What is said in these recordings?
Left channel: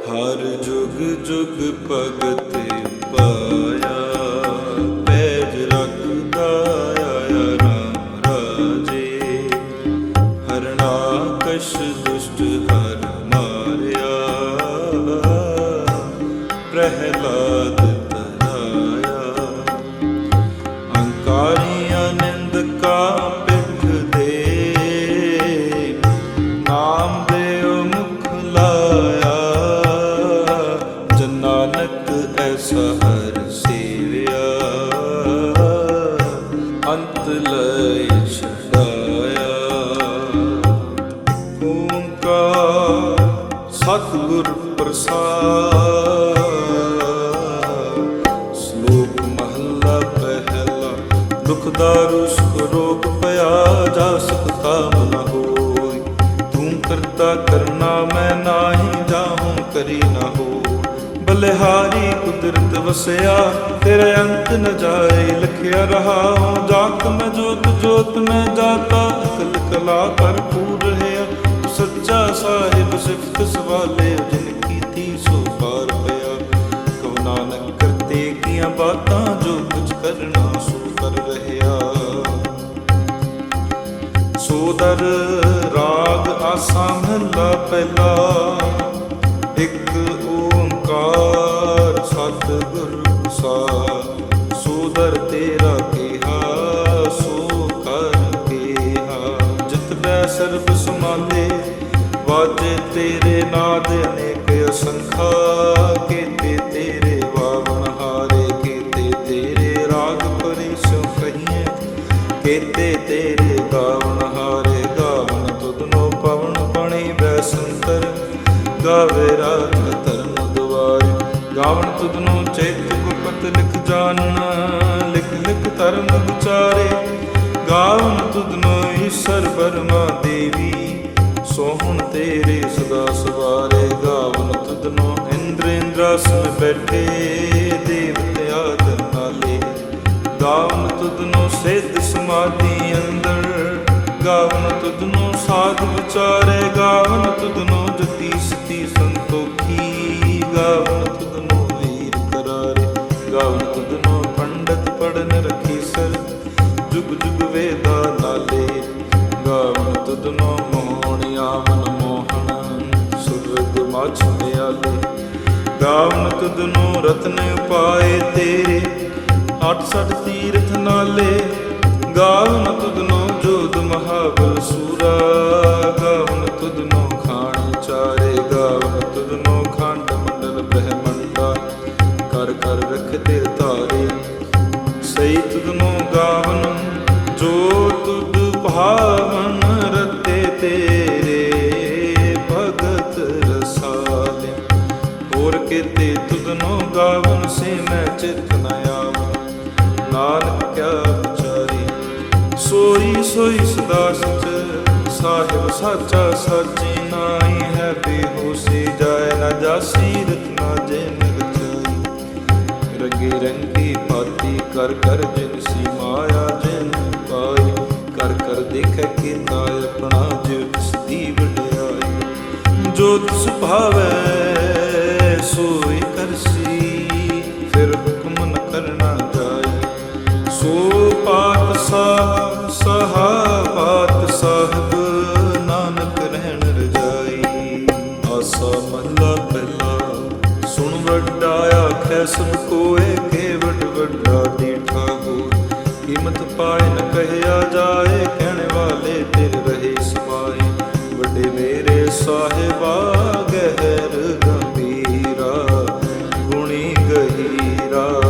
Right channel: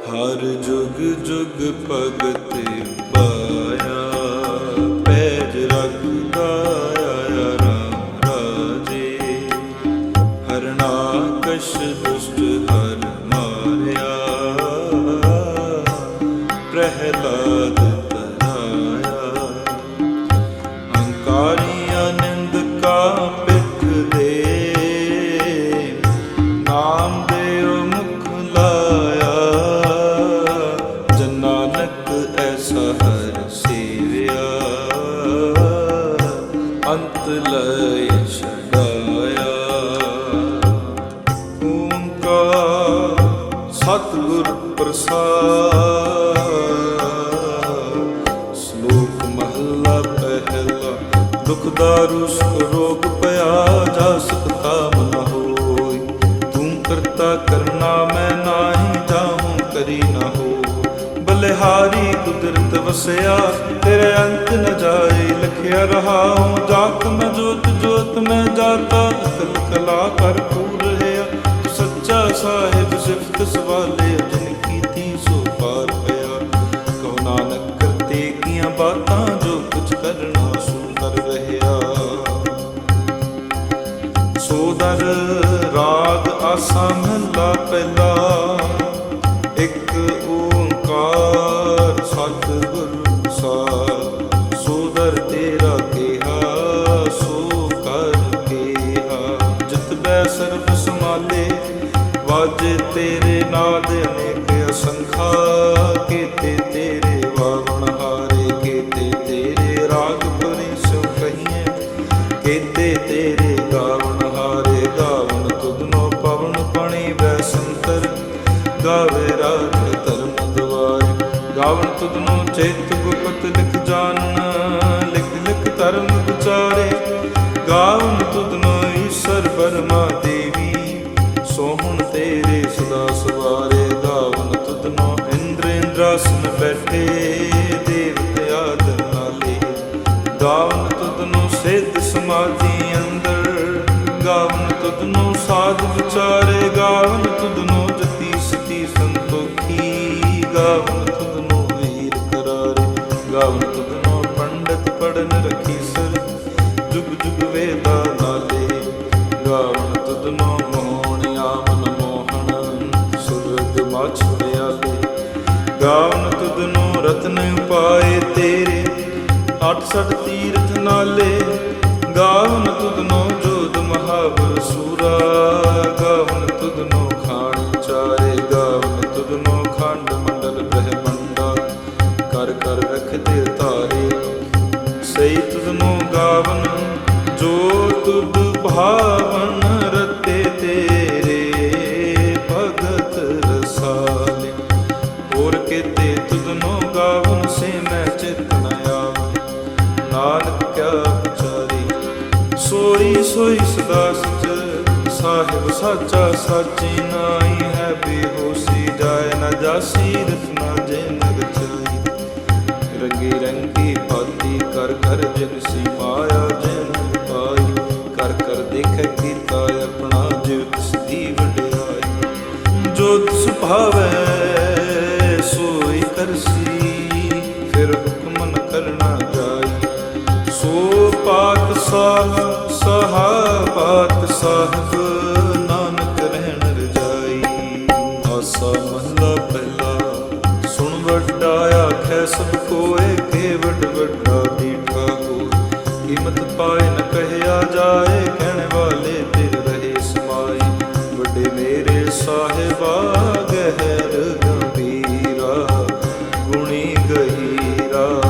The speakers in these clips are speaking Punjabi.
ਹਰ ਜੁਗ ਜੁਗ ਭਗਤੇ ਪਾਇਆ, ਪੈਜ ਰੱਖਦਾ ਆਇਆ ਰਾਮ ਰਾਜੇ। ਹਰਨਾਕਸ਼ ਦੁਸ਼ਟ ਹਰ ਮਾਰਿਆ, ਪ੍ਰਹਿਲਾਦ ਤਰਾਇਆ। ਹੰਕਾਰੀਆਂ ਨਿੰਦ ਕਾ ਪਿੱਠ ਦੇ ਲੈ ਛਡਾਇਆ। ਓੰਕਾਰ ਸਤਿਗੁਰ ਪ੍ਰਸਾਦ। ਸ਼ਲੋਕ ਮਹੱਲਾ ਪਹਿਲਾ, ਦੁਖ ਦਾਰੂ ਸੁਖ ਰੋਗ ਭਇਆ ਜਾ ਸਕਤਾ ਮਨ ਹੋਈ। ਤੂੰ ਕਰਤਾ ਕਰਨਾ, ਮੈਂ ਨਾਹੀ ਜਾਹੂੰ ਕਰੀ ਨਾ ਹੋ ਬਲਿਹਾਰੀ ਕੁਦਰਤ ਵਸਿਆ, ਤੇਰੇ ਅੰਤ ਨ ਜਾਏ ਲਖਿਆ ਰਹਾ। ਹੂੰ ਜਾਤ ਮੈਂ ਜੋਤ ਜੋਤ ਮੈਂ ਜਾਤਾ ਅਕਲ ਕਲਾ ਭਰਪੂਰ ਰਹਾ। ਤੂੰ ਸੱਚਾ ਸਾਹਿਬ ਸਿਫਤ ਸਵਾਲੇ, ਜਿਨ ਕੀਤੀ ਸੋ ਪਾਰ ਪਿਆ। ਕਹੋ ਨਾਨਕ, ਕਰਤੇ ਕੀਆਂ ਬਾਤਾਂ ਜੋ ਕੁਝ ਕਰਨਾ ਸੋ ਕਰ ਰਹਿਆ ਸੋਦਰ ਰਾਗ ਆਸਾ ਮਹਲਾ ਪਹਿਲਾ। ਓੰਕਾਰ ਸਤਿਗੁਰ ਪ੍ਰਸਾਦ ਸੋਦਰ ਤੇਰਾ ਕਿਹਾ, ਸੋ ਕਰ ਕਿਹਾ। ਜਿਤ ਬੈ ਸਰਬ ਸਮਾਲੇ ਵਾਜੇ ਤੇਰੇ ਨਾਦ ਅਨੇਕ ਅਸੰਖਾ। ਕੀਤੇ ਤੇਰੇ ਵਾਵਣ ਹਾਰੇ, ਕੀਤੇ ਤੇਰੇ ਰਾਗ ਪਰਿਸੋ ਕਹੀਏ ਕੀਤੇ ਤੇਰੇ ਗਾਵਣ ਹਾਰੇ, ਗਾਵਣ ਤੁਧਨੋ ਪਵਨ ਪਣੀ ਬੈਸੰਤਰ ਗਾਵੇ ਰਾਤ ਧਰਮ ਦੁਆਰੇ ਗਾਵਣ ਤੁਧਨੋ ਚੇਤ ਗੁਪਤ ਲਿਖ ਜਾਣਨ ਲਿਖ ਲਿਖ ਧਰਮ ਵਿਚਾਰੇ। ਗਾਵਣ ਤੁਧਨੋ ਈਸ਼ਰ ਬਰਮਾ ਦੇਵੀ, ਸੋਹਣ ਤੇਰੇ ਸਦਾ ਸਵਾਰੇ। ਗਾਵਨ ਤੁਧਨੋ ਇੰਦਰ ਇੰਦਰਾਸਨ ਬੈਠੇ, ਦੇਵਤੇ ਆਦਰ ਨਾਲੇ। ਗਾਵਨ ਤੁਧਨੋ ਸਿੱਧ ਸਮਾਧੀ ਅੰਦਰ ਗਾਵਨ ਤੁਧਨੋ ਸਾਧ ਵਿਚਾਰੇ, ਗਾਵਨ ਤੁਧਨੋ ਜਤੀ ਸਤੀ ਸੰਤੋਖੀ। ਗਾਵਨ ਤੁਧਨੋ ਵੀਰ ਕਰਾਰੇ, ਗਾਵਨ ਤੁਧਨੋ ਪੰਡਤ ਪੜਨ ਰਖੀ ਸਰ। ਜੁਗ ਜੁਗ ਵੇਦਾ ਲਾਲੇ, ਗਾਵਨ ਤੁਧਨੋ ਮੋਹਣ ਆਵਨ ਮੋਹਣ, ਸੁਰਗ ਮਛ ਪਿਆਲੇ। ਗਾਵਨ ਤੁਧਨੋ ਰਤਨ ਉਪਾਏ ਤੇਰੇ, ਅੱਠ ਸੱਠ ਤੀਰਥ ਨਾਲੇ। ਗਾਵਨ ਤੁਧਨੋ ਜੋਧ ਮਹਾਬਲ ਸੂਰਾ ਗਾਵਨ ਤੁਧਨੋ ਖਾਣ ਚਾਰੇ ਗਾਵਨ ਤੁਧਨੋ ਖੰਡ ਮੰਡਲ ਬ੍ਰਹਮੰਡਾ। ਕਰ ਕਰ ਰਖਦੇ ਤਾਰੇ ਸਈ ਤੁਧਨੋ ਗਾਵਨ, ਜੋ ਤੁਧ ਭਾਵਨ ਰਤੇ ਤੇਰੇ, ਭਗਤ ਰਸਾਲਿਆ ਹੋਰ ਕਿਤੇ ਤੁਧਨੋ ਗਾਵਨ ਸੇ ਮੈਂ ਚਿਤ ਨ ਆਵਨ। ਨਾਨਕ ਕਿਆ ਵਿਚਾਰੀ ਸੋਈ ਸੋਈ ਸਦਾ ਸਚ ਸਾਹਿਬ ਸਾਚਾ ਸਾਚੀ ਨਾਈ ਹੈ ਬੇਹੋਸੀ। ਜਾਏ ਨਾ ਜਾਸੀ ਰਤਨਾ ਜਿਨ ਰਚਾਈ ਰੰਗੇ ਰੰਗੀ ਭਾਤੀ ਕਰ ਕਰ ਜਿਨ ਸੀ ਮਾਇਆ ਜਿਨ ਪਾਈ। ਕਰ ਕਰ ਦੇਖੈ ਕੀਤਾ ਆਪਣਾ ਜਿਉ ਤਿਸ ਦੀ ਵਡਿਆਈ। ਜੋ ਤਿਸ ਭਾਵੈ, ਸੋਈ ਕਰਸੀ। ਫਿਰ ਹੁਕਮ ਨ ਕਰਨਾ ਜਾਈ। ਸੋ ਪਾਤ ਸਾਹ ਸਹਾ ਪਾਤ ਸਾਹਿਬ ਨਾਨਕ ਰਹਿਣ ਰਜਾਈ। ਆਸਾ ਮਹਲਾ ਪਹਿਲਾ, ਸੁਣ ਵੱਡਾ ਆਖੈ ਸਭ ਕੋਏ, ਕੇ ਵੱਡ ਵੱਡਾ ਦੀਠਾ ਹੋ ਕੀਮਤ ਪਾਏ ਨ ਕਹਿਆ ਜਾਏ, ਕਹਿਣ ਵਾਲੇ ਤਿਰ ਰਹੇ ਸਮਾਏ। ਵੱਡੇ ਮੇਰੇ ਸਾਹਿਬਾ, ਗਹਿਰ ਗੰਭੀਰਾ, ਗੁਣੀ ਗਹੀਰਾ।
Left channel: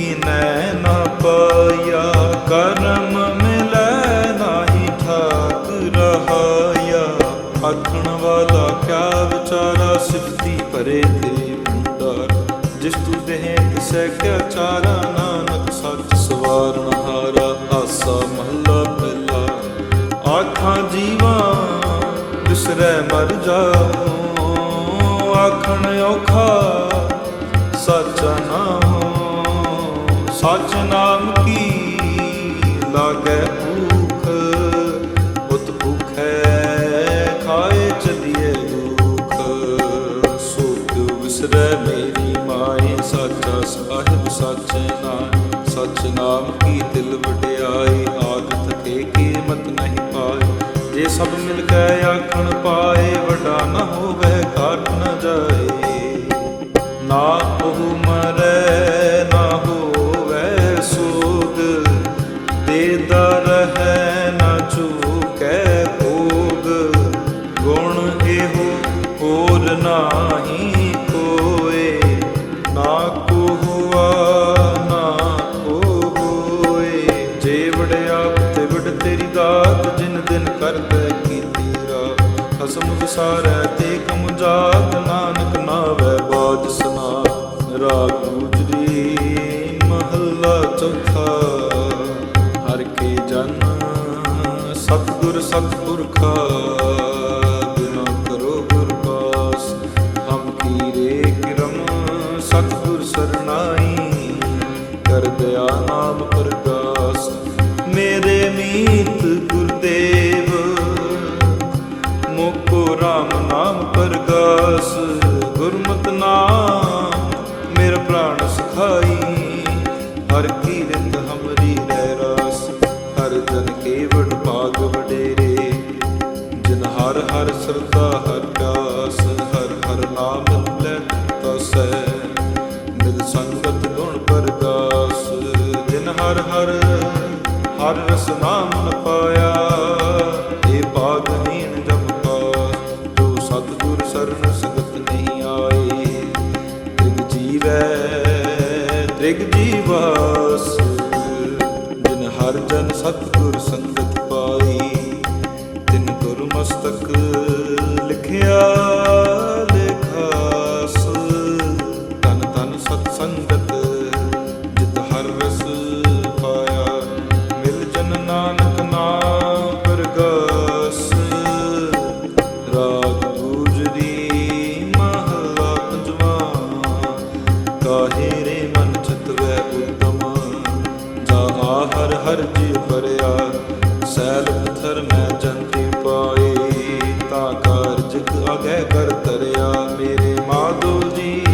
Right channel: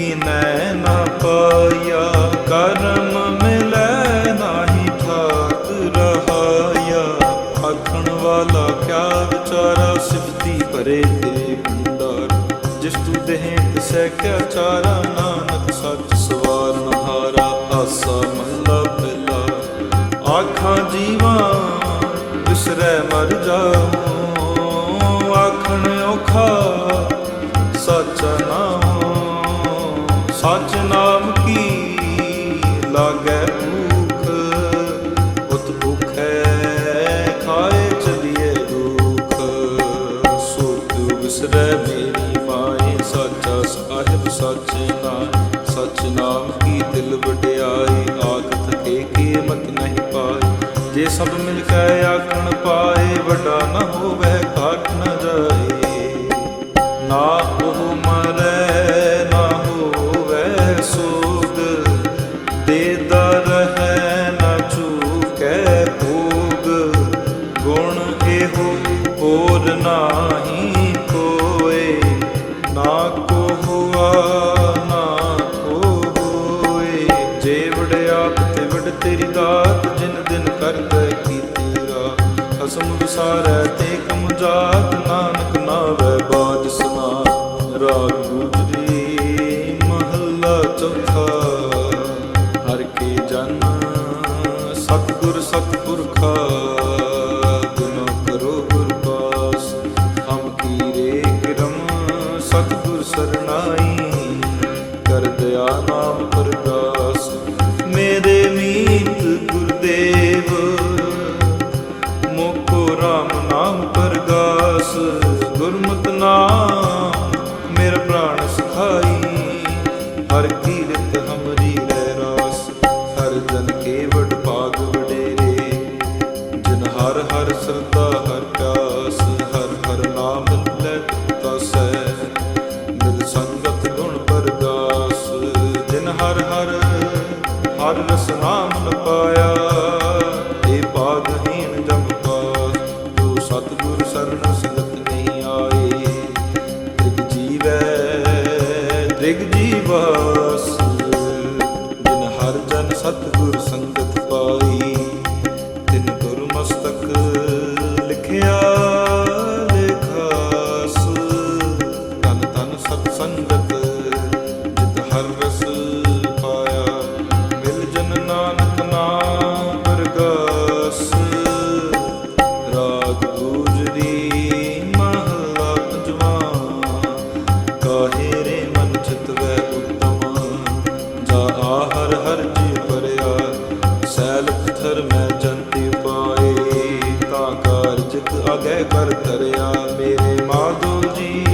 ਕਿਨੈ ਨਾ ਪਾਇਆ? ਕਰਮ ਮਿਲੈ ਨਾਹੀ ਠਾਕ ਰਹਾਇਆ। ਆਖਣ ਵਾਲਾ ਕਿਆ ਵਿਚਾਰਾ ਸਿਫਤੀ ਭਰੇ ਤੇ ਭੰਡਾਰ। ਜਿਸ ਤੂੰ ਦੇਹ ਤਿਸੈ ਕਿਆ ਚਾਰਾ, ਨਾਨਕ ਸੱਚ ਸਵਾਰਨ ਹਾਰਾ, ਆਸਾ ਮਹੱਲਾ ਪਹਿਲਾ ਆਖਾਂ ਜੀਵਾਂ ਵਿਸਰੈ ਮਰ ਜਾਉ। ਆਖਣ ਔਖਾ, ਸੱਚ ਨਾਮ ਸੱਚ ਨਾਮ ਕੀ ਲਾਗੈ ਭੂਖ? ਉਤ ਭੁਖੈ ਖਾਏ ਚਲੀਏ ਦੁਖ। ਸੋ ਵਿਸਰੈ ਮੇਰੀ ਮਾਏ, ਸਾਚਾ ਸਾਹਿਬ ਸੱਚ ਨਾਮ ਸੱਚ ਨਾਮ ਕੀ ਦਿਲ ਵਡਿਆਈ ਆਖ ਥਕੇ ਕੀਮਤ ਨਹੀਂ ਪਾਏ। ਜੇ ਸਭ ਮਿਲ ਕੇ ਆਖਣ ਪਾਏ, ਵੱਡਾ ਨਾ ਹੋਵੇ, ਘਾਟ ਨਾ ਜਾਏ। ਨਾ ਉਹ ਮਰੈ, ਨਾ ਦੇਦਾ ਰਹੈ ਨਾ ਚੂਕੈ ਭੋਗ। ਗੁਣ ਇਹੋ ਹੋਰ ਨਾਹੀ ਕੋਏ। ਨਾ ਕੋ ਹੁਆ ਨਾ ਕੋ ਹੋਏ ਜੇ ਵੜਿਆਪ ਤੇ ਵਡ ਤੇਰੀ ਦਾਤ, ਜਿਨ ਦਿਨ ਕਰਦਾ ਕੀਤੀ ਰਾਤ। ਖਸਮ ਵਿਸਾਰੈ ਤੇ ਕਮ ਜਾਤ, ਨਾਨਕ ਨਾਵੈ ਬਾਜ ਸਨਾਤ। ਰਾਗ ਗੁਜਰੀ ਚੌਥਾ, ਹਰ ਕੇ ਜਨ ਸਤਿਗੁਰ ਸਤਿਪੁਰਖਾ ਬਿਨਾ ਕਰੋ ਗੁਰ ਪਾਸ, ਹਮ ਕੀਰੇ ਕਿਰਮ ਸਤਿਗੁਰ ਸਰਨਾਈ, ਕਰ ਦਿਆ ਨਾਮ ਪ੍ਰਗਾਸ ਮੇਰੇ ਮੀਤ ਗੁਰਦੇਵ, ਮੋਕੋ RAM ਨਾਮ ਪਰਗਾਸ। ਗੁਰਮਤਿ ਨਾਮ ਮੇਰਾ ਪ੍ਰਾਣ ਸਖਾਈ। ਹਰ ਕੀਰਤ ਹਮਰੀ ਰਹਿ ਰਾਸ, ਹਰ ਜਨ ਕੇਵਟ ਵਡ ਭਾਗ ਵਡੇਰੇ। ਜਿਨ ਹਰ ਹਰ ਸਰਦਾ ਹਰ ਪਿਆਸ, ਹਰ ਹਰ ਨਾਮ ਲੈ ਤਸੈ ਮਿਲ ਸੰਗਤ ਗੁਣ ਪਰਦਾਸ, ਜਿਨ ਹਰ ਹਰ ਹਰ ਰਸ ਨਾਮ ਨ ਪਾਇਆ, ਏ ਭਾਗਹੀਣ ਜਮ ਪਾਸ ਜੋ ਸਤਿਗੁਰ ਸਰਨ ਸੰਗਤ ਨਹੀਂ ਆਏ, ਤ੍ਰਿਗ ਜੀਵੈ ਤ੍ਰਿਗ ਜੀਵਾਸ ਜਿਨ ਹਰ ਜਨ ਸਤਿਗੁਰ ਸੰਗਤ ਪਾਈ। ਤਿਨ ਗੁਰ ਮਸਤਕ ਲਿਖਿਆ ਲਿਖਾਸ ਤਨ ਤਨ ਸਤ ਸੰਗਤ, ਜਿਤ ਹਰ ਰਸ ਪਾਇਆ। ਮਿਲ ਜਨ ਨਾਨਕ ਨਾਮ ਪਰਗਾਸ। ਜਾ ਆ ਹਰ ਜੀ ਪਰਿਆ ਸੈਲ ਪਥਰ ਮੈਂ ਜੰਤੀ ਪਾਏ, ਤਾਂ ਕਾਰਜਕ ਅਗੈ ਕਰ ਤਰਿਆ ਮੇਰੇ ਮਾਧੋ ਜੀ,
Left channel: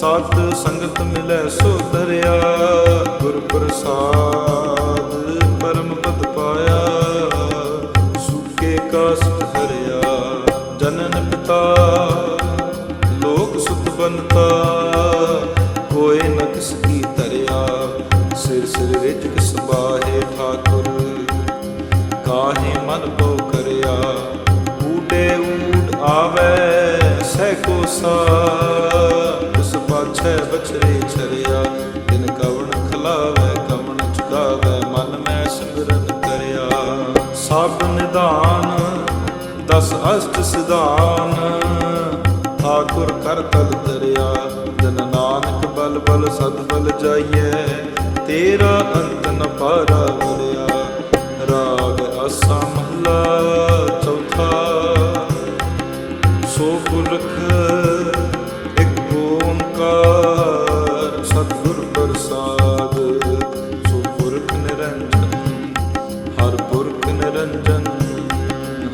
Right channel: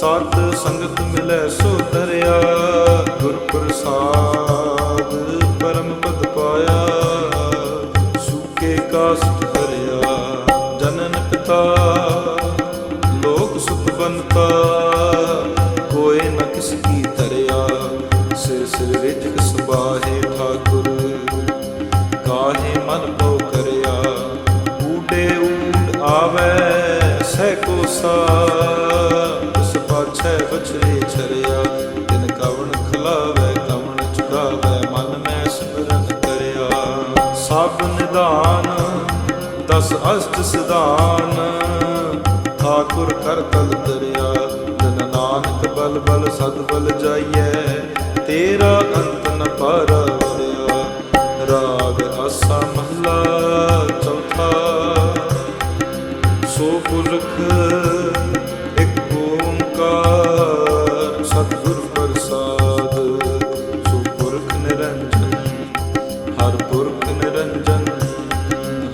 ਸਤ ਸੰਗਤ ਮਿਲੈ ਸੋ ਧਰਿਆ। ਗੁਰ ਪ੍ਰਸਾਦ ਪਰਮ ਪਦ ਪਾਇਆ, ਸੁਕੇ ਕਾਸ਼ਤ ਹਰਿਆ ਜਨਨ ਪਿਤਾ, ਲੋਕ ਸੁਤ ਬਨਤਾ ਕੋਏ ਨ ਕਿਸ ਕੀ ਤਰਿਆ ਸਿਰ ਸਿਰ ਰਿਜਕ ਸਬਾਹੇ ਠਾਕੁਰ, ਕਾਹੇ ਮਨ ਪਉ ਕਰਿਆ ਊਡੇ ਊਟ ਆਵੇ ਸਹਿ ਕੋ ਸਾ ਇਸ ਪਾਛੈ ਬਛਰੇ ਛਰਿਆ, ਤਿਨ ਕਵਣ ਖਲਾਵੇ, ਕਵਣ ਚੁਕਾਵੇ ਮਨ ਮੈਂ ਸਿਮਰਨ ਕਰਿਆ। ਸਭ ਨਿਦਾਨ ਦਸ ਅਸ਼ਟ ਸਿਧਾਨ, ਠਾਕੁਰ ਕਰ ਤਲ ਤਰਿਆ। ਜਨ ਨਾਨਕ ਬਲ ਬਲ ਸਦ ਬਲ ਜਾਈਐ ਤੇਰਾ ਅੰਤ ਨ ਪਾਰਾ ਵਰਿਆ ਰਾਗ ਆਸਾ ਮਹਲਾ ਚੌਥਾ। ਸੋ ਪੁਰਖ, ਇੱਕ ਓੰਕਾਰ ਸਤਿਗੁਰ ਪ੍ਰਸਾਦ। ਸੋ ਪੁਰਖ ਨਿਰੰਜਨ, ਹਰ ਪੁਰਖ ਨਿਰੰਜਨ।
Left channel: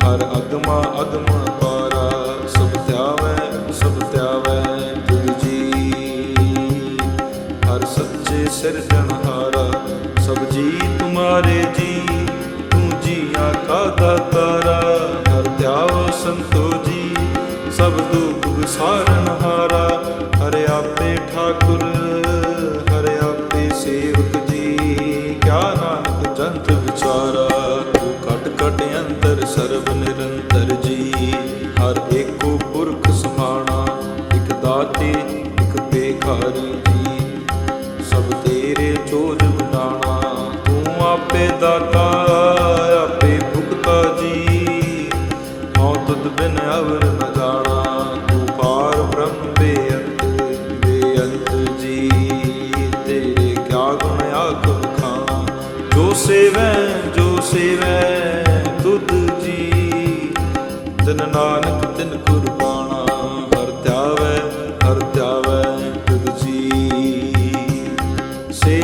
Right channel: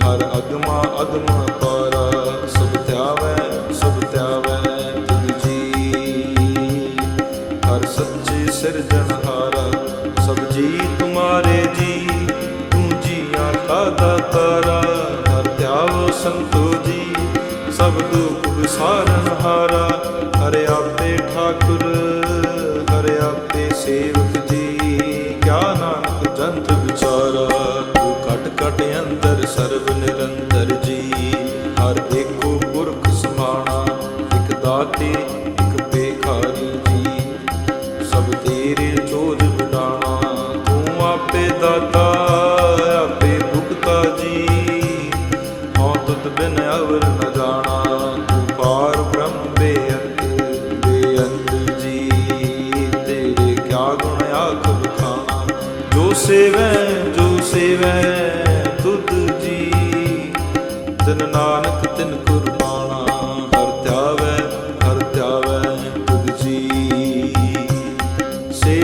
ਹਰ ਅਗਮਾ ਅਗਮ ਪਾਰਾ, ਸਭ ਧਿਆਵੈ ਸਭ ਧਿਆਵੈ ਤੁਧ ਜੀ ਹਰ ਸੱਚੇ ਸਿਰਜਣਹਾਰਾ ਸਭ ਜੀ ਤੁਮਾਰੇ ਜੀ, ਤੂੰ ਜੀਆਂ ਕਾ ਦਾਤਾਰਾ, ਹਰ ਧਿਆਵ ਸੰਤੋ ਜੀ, ਸਭ ਦੁਖ ਵਿਸਾਰਨਹਾਰਾ ਹਾਰਾ ਆਪੇ ਠਾਕੁਰ, ਹਰਿ ਆਪੇ ਸੇਵਕ ਜੀ, ਕਿਆ ਨਾਨਕ ਜੰਤ ਵਿਚਾਰਾ, ਤੂੰ ਕਟ ਕਟ ਅੰਦਰ ਸਰਬ ਨਿਰੰਤਰ ਜੀ, ਹਰ ਏਕੋ ਪੁਰਖ ਸਮਾਣਾ, ਇਕ ਦਾਤੇ, ਇਕ ਬੇਖਾਰੀ ਜੀ। ਸਭ ਤੇਰੇ ਚੋਜ ਵਡਾਣਾ ਤੂੰ ਆਪੇ ਦਾਤਾ, ਆਪੇ ਭੁਗਤਾ ਜੀ। ਹਉ ਤੁਧ ਬਿਨ ਅਵਰ ਨ ਜਾਣਾ। ਤੂੰ ਪਾਰ ਬ੍ਰਹਮ ਬੇਅੰਤ ਬੇਅੰਤ ਜੀ। ਤੇਰੇ ਕਿਆ ਗੁਣ ਆਖ ਬਖਾਣਾ ਜੋ ਸੇਵੈ ਜੋ ਸੇਵੈ ਤੁਧ ਜੀ। ਤਿਨ ਨਾਨਕ ਤਿਨ ਕੁਰਬਾਨਾ। ਹਰ ਧਿਆਵੈ ਹਰ ਧਿਆਵੈ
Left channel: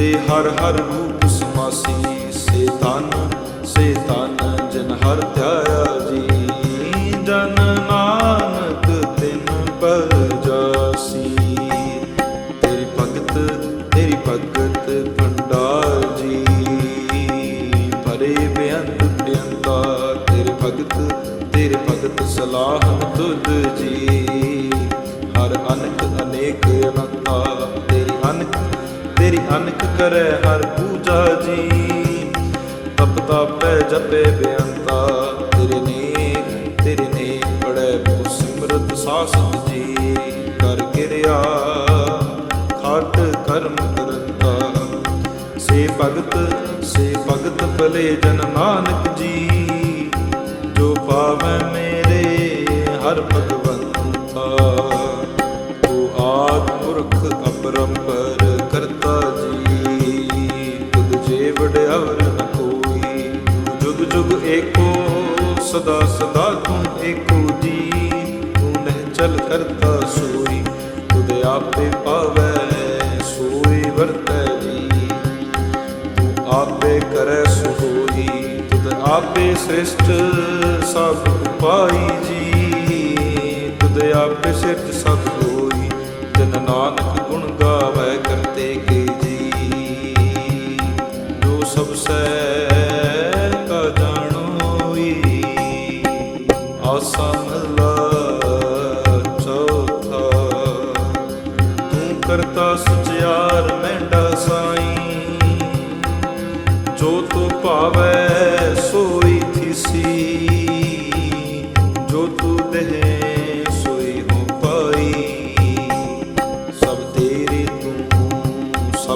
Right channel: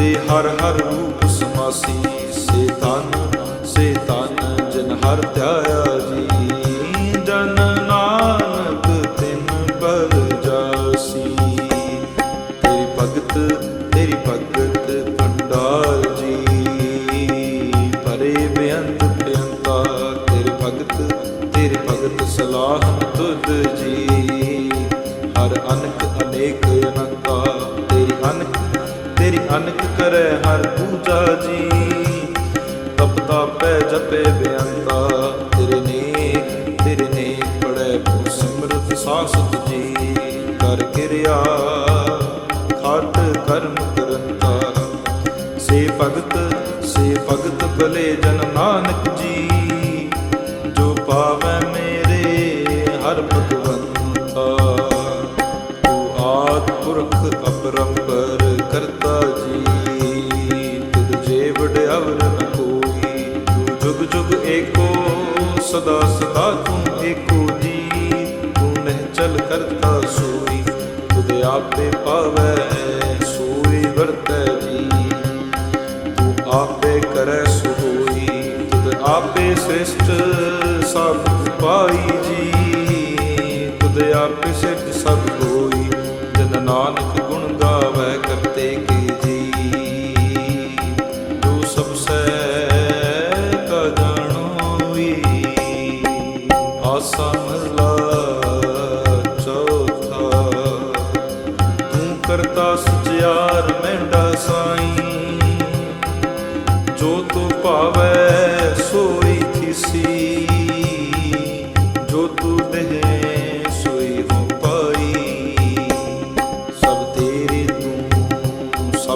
ਤੇ ਹਰ ਹਰ ਰੂਪ ਸਮਾਸੀ, ਸੇ ਤਨ ਸੇ ਤਨ ਜਨ ਹਰ ਧਿਆਇਆ ਜੀ। ਜਨ ਨਾਨਕ ਤਿਨ ਬਲ ਜਾਸੀ। ਤੇਰੀ ਭਗਤ ਤੇਰੀ ਭਗਤ ਭੰਡਾਰ ਜੀ। ਪਰੇ ਬੇਅੰਤ ਬੇਅੰਤਾ ਤੇਰੇ ਭਗਤ ਤੇਰੇ ਭਗਤ ਸਲਾਹਨ ਤੁਧ ਜੀ। ਹਰ ਅਨਕ ਅਨੇਕ ਅਨੰਤਾ, ਤੇਰੀ ਅਨਕ ਤੇਰੀ ਅਨਕ ਕਰੈ ਹਰ ਪੂਜਾ ਜੀ। ਤਪ ਤਾਪੈ ਜਪੇ ਬੇਅੰਤਾ, ਤੇਰੇ ਨੇਕ ਤੇਰੇ ਨੇਕ ਪੜੈ ਬਹੁ ਸਿਮਰਤ ਸਾਸਤ ਜੀ। ਕਰ ਕਿਰਿਆ, ਖਾਟ ਕਰਮ ਕਰੰਤਾ। ਸੇ ਭਗਤ ਸੇ ਭਗਤ ਭਲੇ ਜਨ ਨਾਨਕ ਜੀ। ਜੋ ਪਾਵੈ ਮੇਰੇ ਹਰ ਭਗਵੰਤਾ। ਆਦ ਪੁਰਖ ਅਪਰੰਪਰ ਕਰਤਾ ਜੀ, ਤੁਧ ਜੇ ਵਡਿਆਵਰ ਨ ਕੋਈ, ਤੂੰ ਜੁਗ ਜੁਗ ਏਕੋ, ਸਦਾ ਸਦਾ ਤੂੰ ਏਕੋ ਜੀ ਤੂੰ ਨਹਿ ਚਲ ਕਰਤਾ ਸੋਈ, ਤੁਧ ਆਪੇ ਪਾਵੈ, ਸੋਈ ਵਰਤੈ ਜੀ। ਤੂੰ ਆਪੇ ਕਰੈ ਸੋ ਹੋਈ ਤੁਧ ਆਪੇ ਸ੍ਰਿਸ਼ਟ ਸਭ ਉਪਾਈ ਜੀ, ਤੁਧ ਆਪੇ ਸਿਰਜ ਸਭ ਹੋਈ ਜਨ ਨਾਨਕ ਗੁਣ ਗਾਵੈ ਕਰਤੇ ਕੇ ਜੀ। ਜੋ ਸਭ ਸੈ ਕਾ ਜਾਣੋਈ ਆਸਾ ਮਹਲਾ ਚੌਥਾ। ਤੂੰ ਕਰਤਾ ਸਚਿਆਰ ਮੈਂਡਾ ਸਾਈ। ਜੋ ਤੂੰ ਭਾਵੈ ਸੋਈ ਥਿਸੀ। ਜੋ ਤੂੰ ਦੇਹ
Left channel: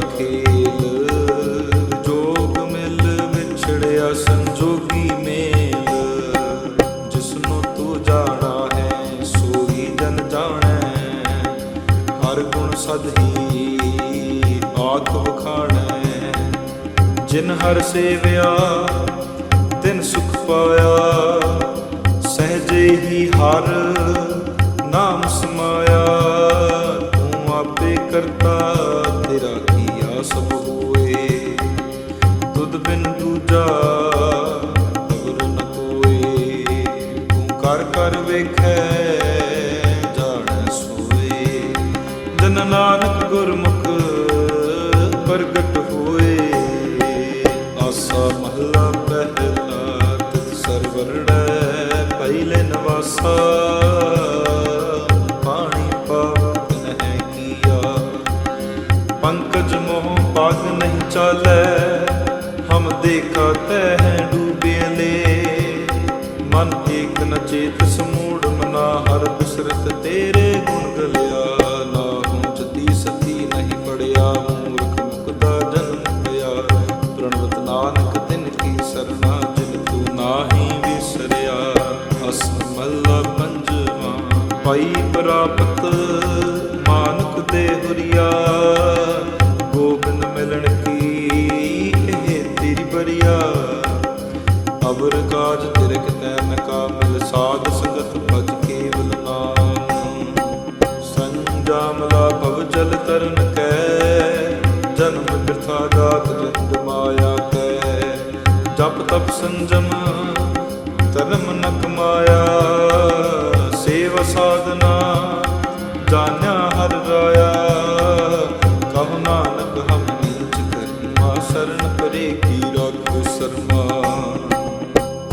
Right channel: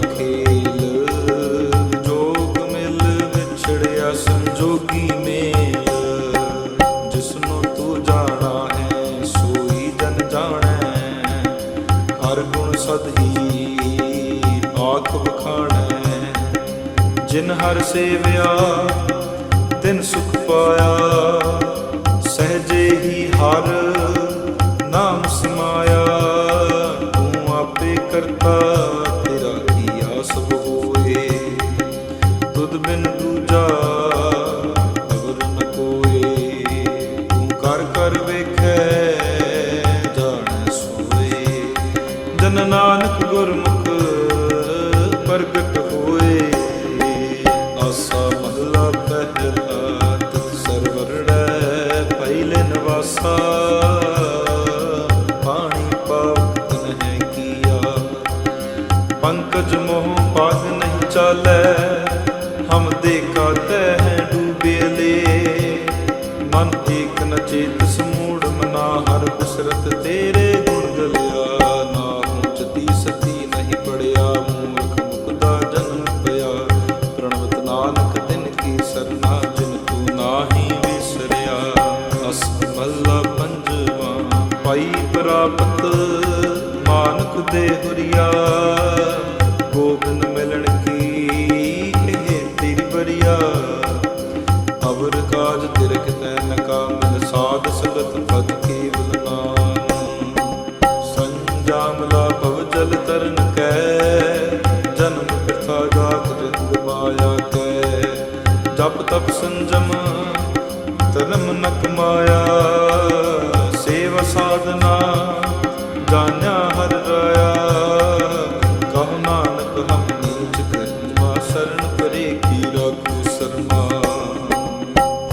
ਖੇਲ ਜੋਗ ਮਿਲ ਵਿਛੜਿਆ ਸੰਜੋਗੀ ਮੇਲ। ਜਿਸਨੂੰ ਤੂੰ ਜਾਣਾ ਹੈ, ਸੋਈ ਜਨ ਜਾਣੈ। ਹਰ ਗੁਣ ਸਦ ਹੀ ਆਖ ਵਖਾਣੈ। ਜਿਨ ਹਰ ਸੇਵਿਆ, ਤਿਨ ਸੁਖ ਪਾਇਆ। ਸਹਜੇ ਹੀ ਹਰ ਨਾਮ ਸਮਾਇਆ। ਤੂੰ ਆਪੇ ਕਰਤਾ ਤੇਰਾ ਸਭ ਹੋਏ ਤੁਧ ਬਿਨ ਦੂਜਾ ਅਵਰ ਨ ਕੋਏ। ਤੂੰ ਕਰ ਕਰ ਵੇਖੈ, ਜਾਣ ਸੋਏ। ਜਨ ਨਾਨਕ ਗੁਰਮੁਖ ਪ੍ਰਗਟ ਹੋਏ। ਆਸਾ ਮਹਲਾ ਪਹਿਲਾ ਤਿਤ ਸਰਵਰੜੈ ਪਹਿਲੇ ਨਵਾਸਾ। ਪੰਕਜ ਮੋਹ ਪਗ ਨਹੀਂ ਚਾਲੈ, ਹਮ ਦੇਖਾ ਤਹਿ ਡੂਬੇਲੇ ਮਨ ਏਕ ਨ ਚੇਤ ਸਮੂੜ ਮਨਾ ਹਰ ਬਿਸਰਤ ਤੇਰੇ ਗੁਣ ਗਲਿਆ। ਨਾ ਹੂੰ ਜਤੀ ਸਤੀ ਨਹੀਂ ਪੜਿਆ, ਮੂਰਖ ਮੁਕਦਾ ਜਨਮ ਪਿਆ। ਪ੍ਰਣਵਤ ਨਾਨਕ ਤਿਨ ਕੀ ਸਰਨਾ, ਜਿਨ ਤੂੰ ਨਾਹੀ ਵਿਸਰਿਆ। ਅਸ ਮੱਲਾ ਪੰਜਵਾ, ਪਾਈ ਪ੍ਰਾਪਤ ਮਾਨਕ ਦੇ ਹੁਰੀਆ। ਗੋਬਿੰਦ ਮਿਲਣ ਕੀ? ਇਹ ਤੇਰੀ ਬਰੀਆ। ਅਵਰ ਕਾਜ ਤਿਰਕ ਤੈ ਨ ਕਾਮਿਲ, ਸਾਧ ਸੰਗਤ ਭਜ ਕੇਵਲ ਨਾਮ। ਸੰਜਾਮਲਾ ਭਵ ਜਲ ਤਰਨ ਕੈ, ਜਨਮ ਬਿਰਥਾ ਜਾਤ ਰੰਗ ਮਾਇਆ ਕੈ। ਜਪ ਤਪ ਸੰਜਮ, ਧਰਮ ਨ ਕਮਾਇਆ ਸੇਵਾ ਸਾਧਨਾ, ਜਾਣਿਆ ਹਰ ਰਾਇਆ। ਕਹੋ ਨਾਨਕ, ਹਮ ਨੀਚ ਕਰਮਾ, ਸਰਨ ਪਰੇ ਕੀ ਰਾਖੋ ਸਰਮਾ।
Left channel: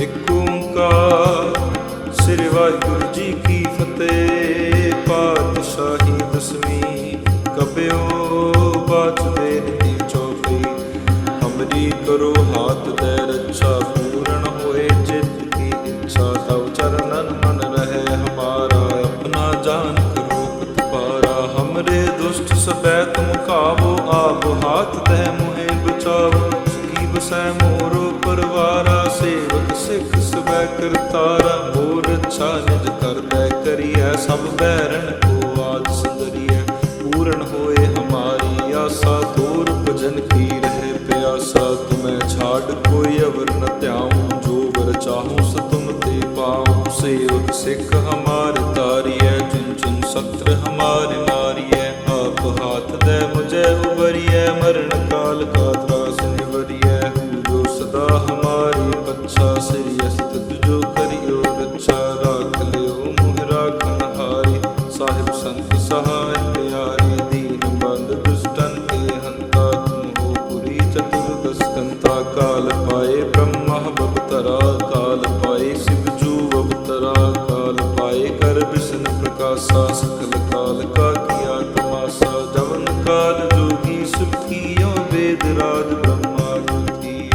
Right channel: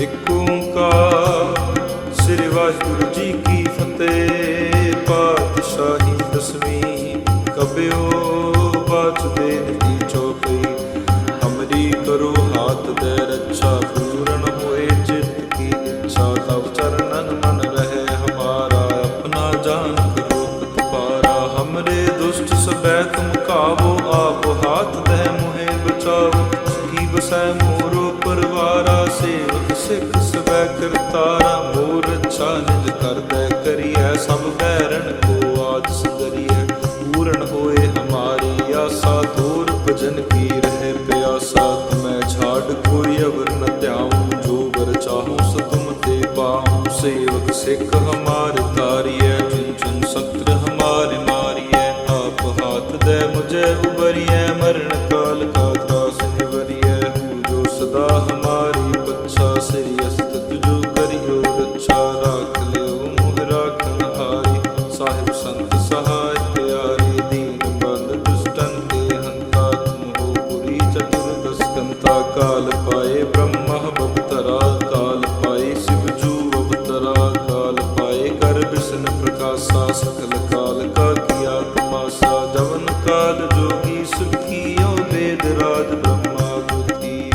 ਇਕ ਓੰਕਾਰ, ਸ੍ਰੀ ਵਾਹਿਗੁਰੂ ਜੀ ਕੀ ਫਤਿਹ। ਪਾਤਸ਼ਾਹੀ ਦਸਵੀਂ ਕਬਿਓ ਬਾਚਦੇ ਨਦੀ ਚੌਪਈ ਹਮਰੀ ਕਰੋ ਹਾਥ ਦੇ ਰੱਛਾ, ਪੂਰਨ ਹੋਏ ਚਿੱਤ ਕੀ ਇੱਛਾ। ਤਵ ਚਰਨਨ ਮਨ ਰਹੇ, ਹਮਾਰਾ ਆਪਣਾ ਜਾਨ ਕਰੋ ਦੁਸ਼ਟ ਸਬੈ ਤੁਮ ਕਾਵੋ, ਆਪ ਹਾਥ ਦੇ ਮੁਹੇ ਬਚਾਓ ਸੁਖੀ ਬਸੈ ਮੋਰੋ ਪਰਵਾਰਾ, ਸੇਵਕ ਸਿੱਖ ਸਬੈ ਕਰਤਾਰਾ। ਮੋਰ ਅੱਛਾ ਨਿਜ ਕਰਦੈ ਕਰੀਐ, ਸਭ ਬੈਰਣ ਕੋ ਆਜ ਸੰਗਰੀਐ ਪੂਰਨ ਹੋਏ ਹਮਾਰੀ ਆਸਾ ਦੂਰ ਭਜਨ ਕੀ ਰਹੇ ਪਿਆਸਾ। ਤੁਮੈ ਛਾੜ ਕੋਈ ਅਵਰ ਨ ਧਿਆਉ, ਜੋ ਵਰ ਚਾਹੂੰ ਸੋ ਤੁਮ ਤੇ ਪਾਉ। ਸੇਵਕ ਸਿੱਖ ਹਮਾਰ ਤਾਰੀਐ ਚੁਨ ਚੁਨ ਸਤਰ ਹਮਾਰੇ ਮਾਰੀਐ ਆਪ ਹਾਥ ਦੇ ਮੁਝੇ ਉਬਰੀਐ ਮਰਨ ਕਾਲ ਕਾ ਤਰਾਸ ਨਿਵਰੀਐ। ਹੂ ਜੋ ਸਦਾ ਹਮਾਰੀ ਪੱਛਾ, ਸ੍ਰੀ ਅਸਤ ਜੋ ਕਰਿਓ ਰੱਛਾ। ਰਾਖ ਲਿਓ ਮੁਹ ਰਾਖਣ ਸਾਹਿਬ ਸੰਤ ਸਹਾਇ ਪਿਆਰੇ। ਦੀਨ ਬੰਦ ਦੁਸ਼ਟਨ ਕੇ ਹੰਤਾ ਤੁਮ ਪੁਰੀ ਚਤੁਰਦਸ ਕੰਤਾ ਕਾਲ ਪਾਏ, ਬ੍ਰਹਮਾ ਬਵਤਰਾ ਕਾਲ ਪਾਏ, ਸਿਵ ਜੂ ਅਵਤਰਾ ਕਾਲ ਪਾਏ। ਕਰ ਬਿਸ਼ਨ ਪ੍ਰਕਾਸ਼ਾ, ਸਕਲ ਕਾਲ ਕਾ ਕੀਆ ਤਮਾਸਾ ਜਵਨ ਕਾਲ ਜੋਗੀ ਸੁਖੀਓ ਵੇਦ ਰਾਜ ਬ੍ਰਹਮਾ ਗੁਤੀ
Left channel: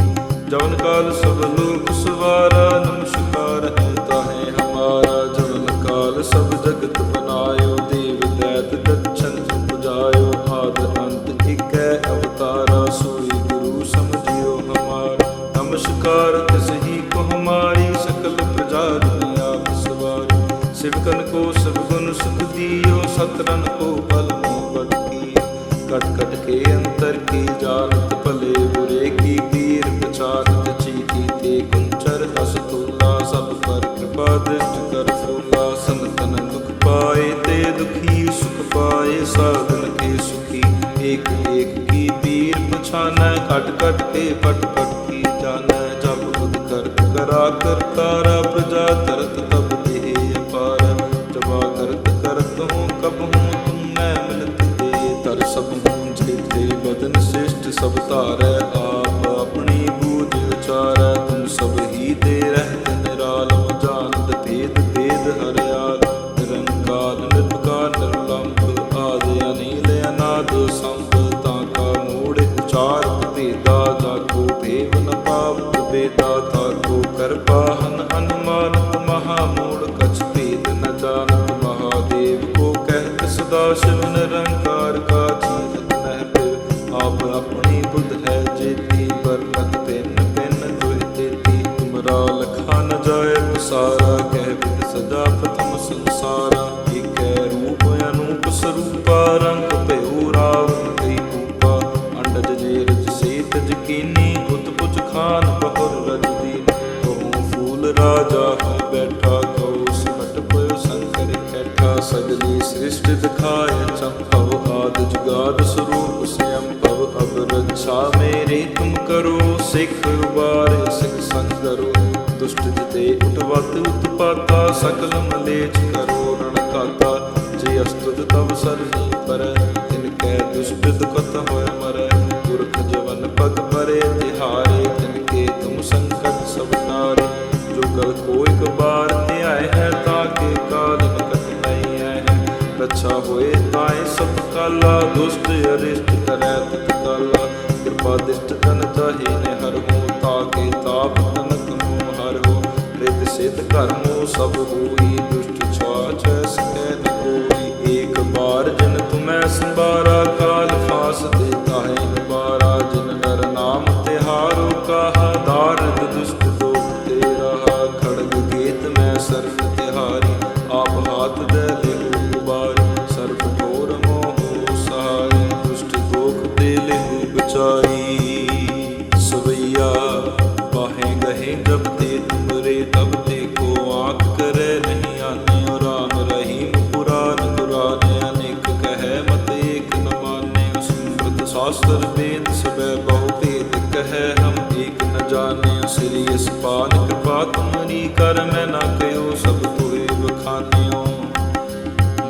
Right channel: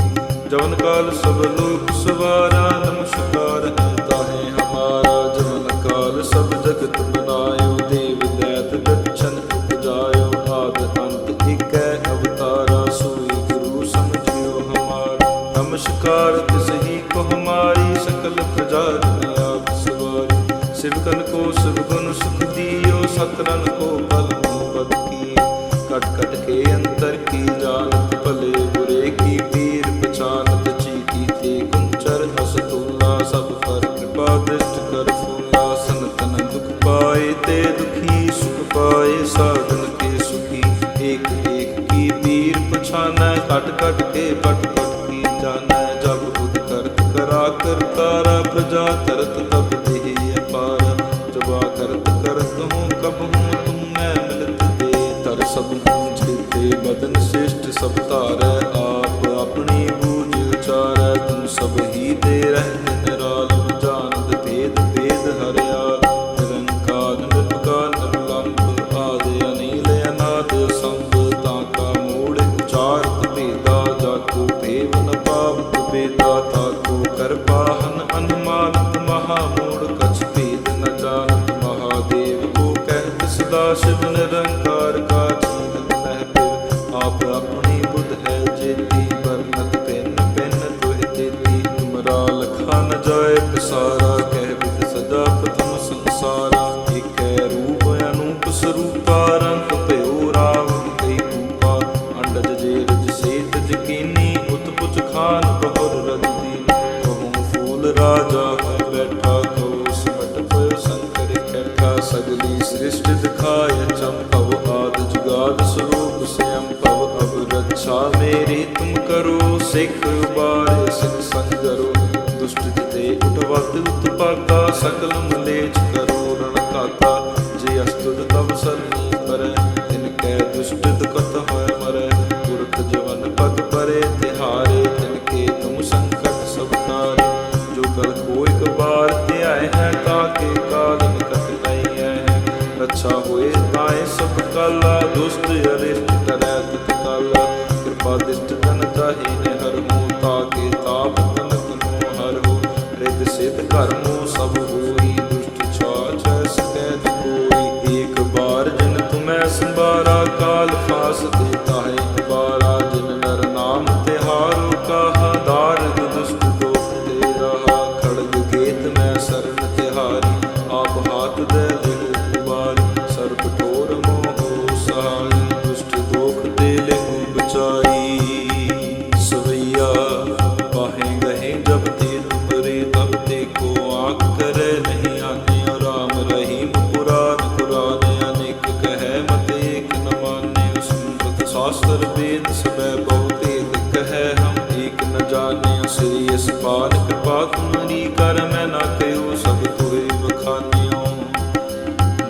ਜਵਨ ਕਾਲ ਸਭ ਲੋਕ ਸਵਾਰਾ, ਨਮਸਕਾਰ ਹੈ ਤਾਹੇ ਹਮਾਰਾ। ਜਵਨ ਕਾਲ ਸਭ ਜਗਤ ਬਨਾਇਓ ਦੇਵ ਦੈਤ ਦਛਨ ਉਪਜਾਇਓ। ਆਦ ਅੰਤ ਇਕੈ ਅਵਤਾਰਾ, ਸੋਈ ਗੁਰੂ ਸਮਝਿਓ ਹਮਾਰਾ। ਨਮਸਕਾਰ ਤਿਸ ਹੀ ਕੋ ਹਮਾਰੀ, ਸਕਲ ਪ੍ਰਜਾ ਜਨ ਆਪ ਸਵਾਰੀ। ਸਿਵਕਨ ਕੋ ਸਭ ਸੁਖ ਦਿਓ ਸਤਰਨ ਕੋ ਬਲ ਮੋ ਕੀ। ਕਟ ਕਟ ਕੇ ਅੰਤਰ ਕੀ ਜਾਣਤ ਭਲੇ ਬੁਰੇ ਕੀ ਪੀਰ ਪਛਾਨਤ ਚੀਤੀ ਤੇ ਕੁੰਚਰ ਅਸਤੂਲਾ ਸਭ ਪਰ ਕਿਰਪਾ ਦ੍ਰਿਸ਼ਟ ਕਰ ਫੂਲਾ। ਸੰਤਨ ਦੁਖ ਪਾਏ ਤੇ ਦੁਖੀ ਸੁਖ ਪਾਏ, ਸਾਧਨ ਕੇ ਸੁਖੀ ਏਕ ਏਕ ਕੀ ਪੀਰ ਪਛਾਨੈ। ਕਟ ਕਟ ਕੇ ਪਟ ਪਟ ਕੀ ਜਾਣੈ ਕਰਾ ਕਰਤਾਰਾ ਪ੍ਰਜਾ ਕਰਤ ਤਬ ਦੇਹ ਅਪਾਰ, ਜਬਾ ਕਰਤ ਕਰਤ ਹੂੰ, ਕਬ ਹੂੰ, ਤੁਮ ਮਿਲਤ ਦੇ। ਤਰ ਸਭ ਹੂੰ ਜੀਤੇ ਬਦਨ ਸ੍ਰਿਸ਼ਟ, ਸਭ ਧਾਰੈ ਆਪ, ਆਪਣੀ ਬੂਝ ਉਚਾਰੈ, ਤੁਮ ਸਭ ਹੀ ਦੇ ਰਹਿਤ ਨਿਰਾਲਮ ਜਾਣਦ ਭੇਦ ਭੇਦ ਹਰਿਆਲ। ਨਿਰੰਕਾਰ ਨਿਰਭਕਾਰ ਨਿਰਲੰਭ, ਆਦਿ ਅਨੀਲ ਅਨਾਦ ਸੰਭ, ਤਾਂ ਕਾ ਮੂੜ ਉਚਾਰਤ ਭੇਦਾ, ਜਾ ਕੋ ਭੇਵ ਨ ਪਾਵਤ ਬੇਦਾ ਤਾ ਕੋ ਅਨੁਮਾਨਤ ਮਹਾ ਮੂੜ ਕਛ ਭੇਦ ਨ ਜਾਣਤ ਮਹਾਦੇਵ ਕੋ ਕਹਿਤ ਸਦਾ ਸ਼ਿਵ ਨਿਰੰਕਾਰ ਕਾ ਚੀਨਤ ਨਹਿ ਪਿਵ ਆਪ ਆਪਣੀ ਬੁੱਧ ਹੈ ਜੇਤੀ ਵਰਨਤ ਪਿੰਨ ਪਿੰਨ ਦੁਹਿ ਤੇਤੀ ਤੁਮਰਾ ਲਖਾ ਨ ਜਾਏ ਪਸਾਰਾ ਕਹਿ ਵਿਦ ਸਦਾ ਪ੍ਰਥਮ ਸੰਸਾਰਾ ਏਕੈ ਰੂਪ ਅਨੂਪ ਸਰੂਪਾ ਰੰਗ ਭਇਓ ਰਾਵਨ ਕਈ ਜੇ ਰਜ ਸੇਤ ਜਕੀਨੀ, ਉਤਪੁਚ ਖਾਨ ਬਹੁਰ ਰਜ ਦੀਨ ਕਹੂੰ ਫੂਲ ਰਾਜਾ ਹੋਇ ਬੈਠਾ ਕਉ ਸਿਮਟ ਪਇਓ ਸੰਕਰ ਕੈਠਾ ਸਗਲੀ ਸ੍ਰਿਸ਼ਟ ਦਿਖਾਇ ਚੰਪਵ ਆਦ ਜੁਗਾਦ ਸਰੂਪ ਸਿਅੰ ਭਵ ਅਬ ਰੱਛਾ ਮੇਰੀ ਤੁਮ ਕਰੋ, ਸਿੱਖ ਉਬਾਰੇ ਸਿੱਖ ਸੰਗਰੋ। ਦੁਸ਼ਟ ਜਿਤੇ ਉਠਵਤ ਉਤਪਾਤਾ, ਸਕਲ ਮਲੇਚ ਕਰੋ ਰਣ ਕਾਤਾ। ਜੇ ਅਸਤੁਦ ਤਵ ਸਰਨੀ ਪਰੈ, ਤਿਨ ਕੈ ਦੁਸ਼ਟ ਦੁਖਤ ਹੋਇ ਮਰੈ। ਪੁਰਖ ਜਵਨ ਪਗ ਪਰੇ ਤਿਹਾਰੇ, ਤਿਨ ਕੇ ਤੁਮ ਸੰਕਟ ਸਭ ਤਾਰੇ ਜੋ ਗਲ ਕੋ ਇਕ ਬਾਰ ਧਿਆਏ ਹੈ, ਤਾਂ ਕੇ ਕਾਲ ਨਿਕਟ ਨਹੀਂ ਹੈ। ਰੱਛਾ ਹੋਏ ਤਾਏ ਸਭ ਕਾਲਾ, ਦੁਸ਼ਟ ਅਰਿਸ਼ਟ ਕਰੈ ਤਤ ਕਾਲਾ। ਕਿਰਪਾ ਦਿਸ਼ਟ ਤਨ ਤਾਹੀ ਨੇ ਹਰ ਹੋ ਤਾਕੇ ਤਾਪ ਤਨਕ ਮੋ ਹਰ ਹੋ। ਰਿਦ ਸਿਧ ਕਰਮੋ ਸਭ ਹੋਈ, ਦੁਸ਼ਟ ਛਾਛ ਸਕੈ ਨ ਕੋਈ। ਏਕ ਬਾਰ ਜਨ ਮੈਂ ਸੰਬਾਰਾ ਕਾਲ ਫਾਸ ਤੇ ਤਾਹੇ ਅਬਾਰਾ ਜਿਨ ਨਰ ਨਾਮ ਤਿਹਾਰੋ ਕਾਹਾ, ਦਾਰਦ ਦੁਸ਼ਟ ਦੋਖ ਤੇ ਰਹਾ, ਖੜਗ ਗੇਤ ਮੈਂ ਸਰਨ ਤਿਹਾਰੀ, ਆਪ ਹਾਥ ਦੇ ਲਿਹੁ ਬਾਰ ਸਰਬ ਠੋਰ ਮੋਹ ਸਹਾਈ, ਦੁਸ਼ਟ ਦੋਖ ਤੇ ਲਿਹੁ ਬਚਾਈ। ਸਵਈਆ, ਬਾਹੇ ਗਹੇ ਜਬ ਤੇ ਤੁਮਰੇ ਤਬ ਤੇ ਕੋ ਆਖ ਕਰੇ ਨਹੀਂ ਆਨੇ ਰਹੀਮ ਕੁਰਾਨ ਕੁਰਾਨ ਅਨੇਕ ਕਹੈ ਮਤ ਏਕ ਨ ਮਾਨੇ ਸਮ੍ਰਿਤ ਸਾਸਤਰ ਵੇਦ ਸਬੈ ਬਹੁ ਭੇਦ ਕਹੈ, ਹਮ ਏਕ ਨ ਜਾਣੇ ਸ੍ਰੀ ਅਸਪਾਲ ਕਿਰਪਾ ਤੁਮਰੀ ਕਰ ਮੈਂ ਨਾ ਕਯੋ ਸਭ ਤੋਏ ਬਖਾਨਿਓ।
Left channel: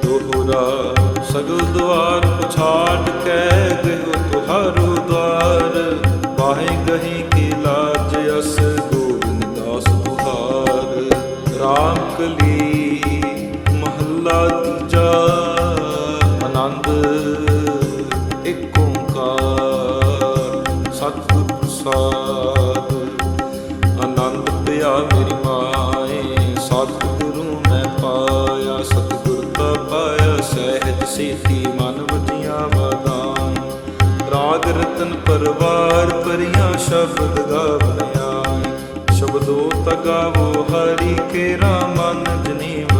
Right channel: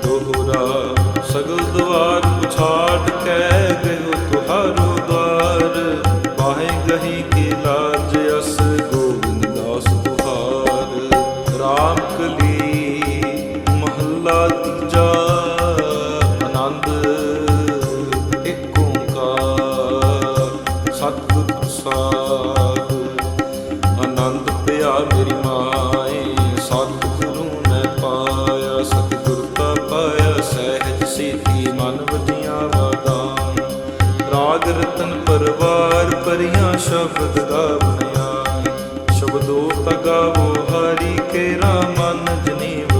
ਦੋਹਰਾ ਸਗਲ ਦੁਆਰ ਪੁਛਾਟ ਕੈ ਗਇਓ ਤੁਹਾਰੋ ਦਵਾਰ ਬਾਹੇ ਗਹੀ ਕੀ ਲਾਜ ਅਸ ਗੋਵਿੰਦ ਦਾਸ ਤੁਹਾਰ। ਰਾਮ ਕਲੀ ਮਹੱਲਾ ਤੀਜਾ, ਆਨੰਦ ਏਕ ਓੰਕਾਰ, ਸਤਿਗੁਰ ਪ੍ਰਸਾਦ। ਆਨੰਦ ਪਿਆ ਮੇਰੀ ਮਾਏ, ਸਤਿਗੁਰੂ ਮੈਂ ਪਾਇਆ, ਸਤਿਗੁਰ ਤਾ ਪਾਇਆ, ਸਹਿਜ ਸੇਤੀ ਮਨ ਵਜੀਆਂ ਵਾਦਾਂ ਰਾਗ ਰਤਨ ਪਰਵਾਰ ਪਰਿਆ ਸ਼ਬਦ ਗਾਵਣਿਆ ਸ਼ਬਦੋ ਤਗਾਵੋ ਹਰੀ ਕੇ ਰਾਮਨ ਜਨੀਵ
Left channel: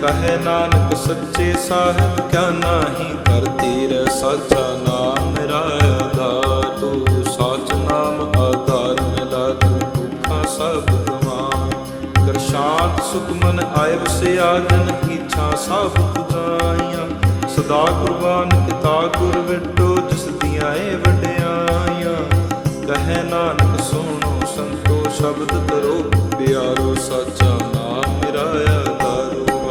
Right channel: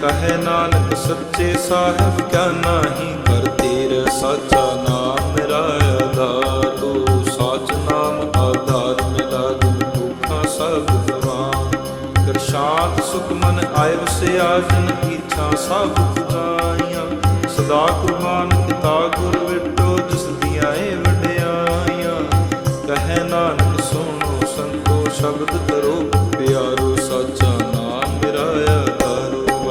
ਕਹੇ ਨਾਨਕ ਸੱਚੇ ਸਾਹਿਬ, ਕਿਆ ਨਾਹੀ ਕਰ ਤੇਰਾ ਸਾਚਾ ਨਾਮ ਮੇਰਾ ਆਧਾਰ। ਤੂੰ ਸਾਚ ਨਾਮ ਆਧਾਰ ਮਿਲਾ ਦਿਨ ਦੁੱਖਾਂ ਸਭ ਗਵਾਨ। ਕਰ ਸ਼ਾਂਤ ਸੁਖ ਮਨ ਆਏ ਵਸਿਆ ਜਨ ਇੱਛਾ ਸਭ ਪੁਜਾਈਆਂ। ਸਦਾ ਕੁਰਬਾਨ ਕੀਤਾ ਗੁਰ ਵਿਟੋ, ਜਿਸ ਦੀਆਂ ਏ ਵਡਿਆਈਆਂ। ਕਹੇ ਨਾਨਕ, ਸੁਣੋ ਸੰਤੋ, ਸ਼ਬਦ ਤਰੋ ਪਿਆਰੋ ਸਾਚਾ ਨਾਮ ਮੇਰਾ ਆਧਾਰੋ।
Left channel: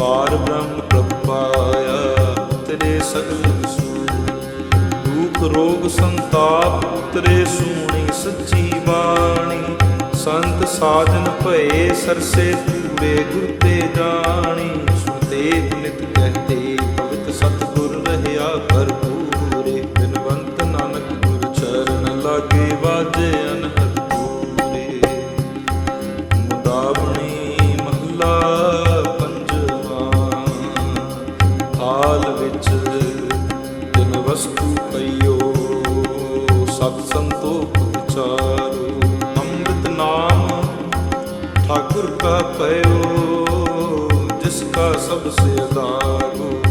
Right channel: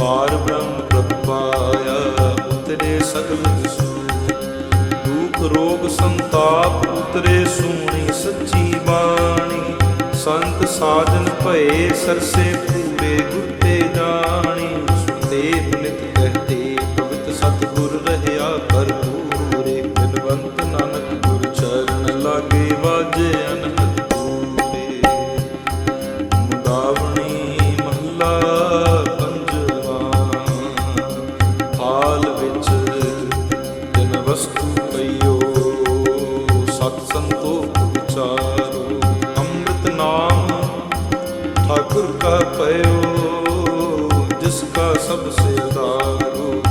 ਪਾਰ ਬ੍ਰਹਮ ਪ੍ਰਭ ਪਾਇਆ, ਉਤਰੇ ਸਗਲ ਵਿਸੂ ਦੁਖ ਰੋਗ ਸੰਤਾਪ ਉਤਰੇ ਸੂਣੀ ਸੱਚੀ ਬਾਣੀ। ਸੰਤ ਸਾਜਨ ਭਏ ਸਰਸੇ ਪੂਰੇ ਗੁਰ ਤੇ ਜਾਣੀ। ਸੁਣਦੇ ਪੁਨਿਤ ਕਹਤੇ, ਪਵਿੱਤ ਸਤਿਗੁਰ ਰਹਿਆ ਭਰਪੂਰੇ। ਬਿਨਵੰਤ ਨਾਨਕ ਗੁਰ ਚਰਨ ਲਾਗੇ ਵਾਜੇ ਅਨਹਦ ਪੂਰੇ। ਮੁਦਾਵਣੀ ਮਹੱਲਾ ਹਾਲ ਵਿੱਚ ਤਿਨ ਵਸਤੂ ਪਈਓ, ਸਤ ਸੰਤੋਖ ਵਿਚਾਰੋ। ਅੰਮ੍ਰਿਤ ਨਾਮ ਠਾਕੁਰ ਕਾ ਪਇਓ, ਜਿਸ ਕਾ ਸਭ ਸੇ ਆਧਾਰੋ।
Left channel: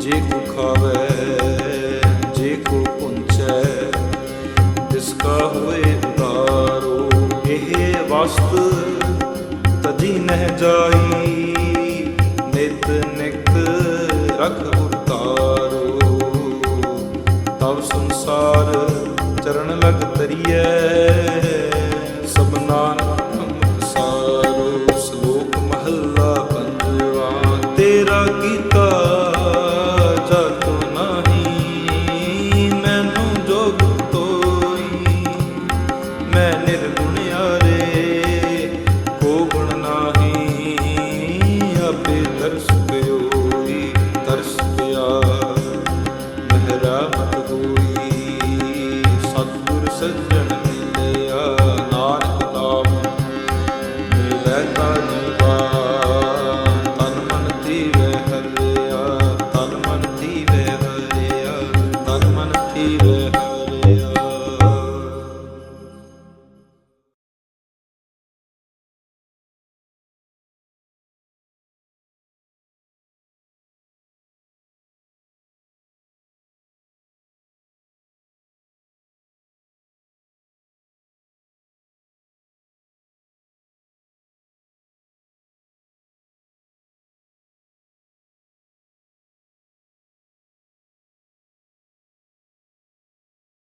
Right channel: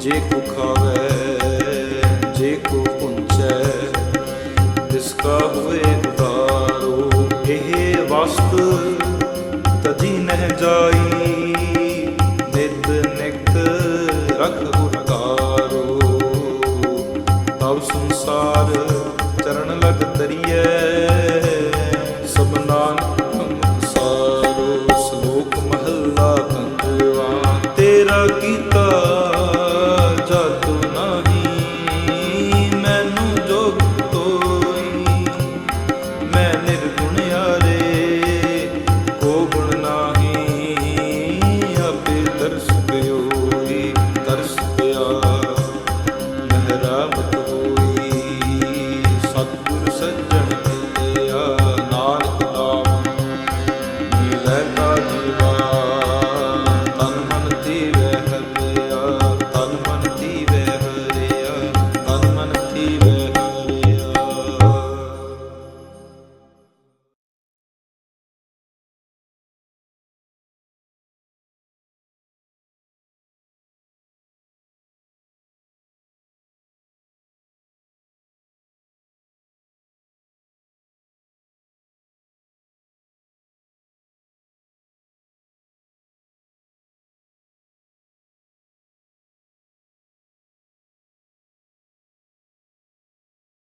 ਜੇ ਕੋ ਖਾਵੇ, ਜੇ ਕੋ ਪੁੰਚੈ ਜਿਸ ਕਾ ਹੋਏ ਉਦਾਰੋ। ਇਹ ਵਸਤ ਤਜੀ ਨਹਿ ਜਾਈ। ਨਿਤ ਨਿਤ ਰਖ ਉਤਾਰੋ ਤਬ ਸੰਸਾਰ ਚਰਨ ਲਗ ਤਰੀਐ ਸਭ ਨਾਨਕ ਸਾਰੋ। ਸ਼ਲੋਕ ਮਹੱਲਾ ਪੰਜਵਾ, ਤੇਰਾ ਕੀਤਾ ਤਰਸ ਪਿਓਈ ਤਰਸ ਪਿਆ ਮਹਿਰਾਮਤ ਹੋਈ। ਸਤਿਗੁਰ ਸੱਜਣ ਮਿਲਿਆ ਨਾਨਕ ਨਾਮ ਮਿਲੈ ਤਾ ਜੀਵਾ।